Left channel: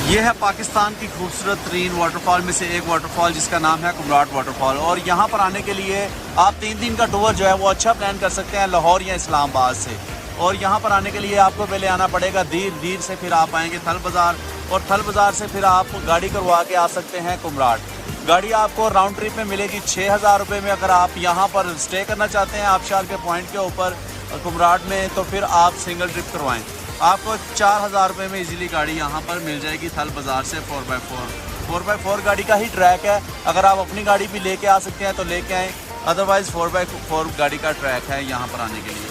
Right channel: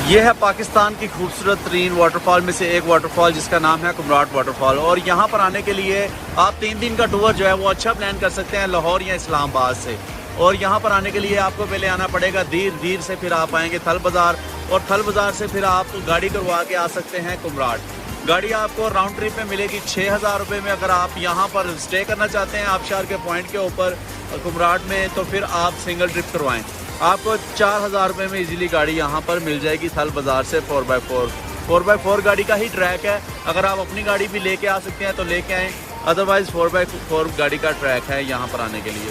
ये है पाकिस्तान की खूबसूरत तरीन वाटरफॉल में से एक वाटरफॉल जिसका नाम है कुमराट वाटरफॉल। और यहाँ पर आने के लिए आप 3 दिन का टूर जो है वो अच्छा प्लान कर सकते हैं लाहौर या इस्लामाबाद से। और यहाँ पर आने के लिए आपको पहले आना पड़ेगा धीर धीर से, फिर आप आएंगे थल बाज़ार, और थल बाज़ार से फिर आप गाड़ी करवा के आ सकते हैं कुमराट। गाड़ी आपको राउंड ट्रिप में मिलेगी 6,000 रुपये में। अगर आप यहाँ पर स्टे करना चाहते हैं आबशार के पॉइंट के ऊपर कुमराट में, तो फिर आप सिंगल ट्रिप करवाएं, आपको 4,000 रुपये में इजीली गाड़ी यहाँ पर मिल जाएगी थल बाज़ार से। 4x4 गाड़ी का ही ट्रैक है। अगर आप अपनी गाड़ी भी लेके आ सकते हैं तो लेके आएँ, अदरवाइज़ 4x4 गाड़ी का ट्रैक है यहाँ पर आने के लिए।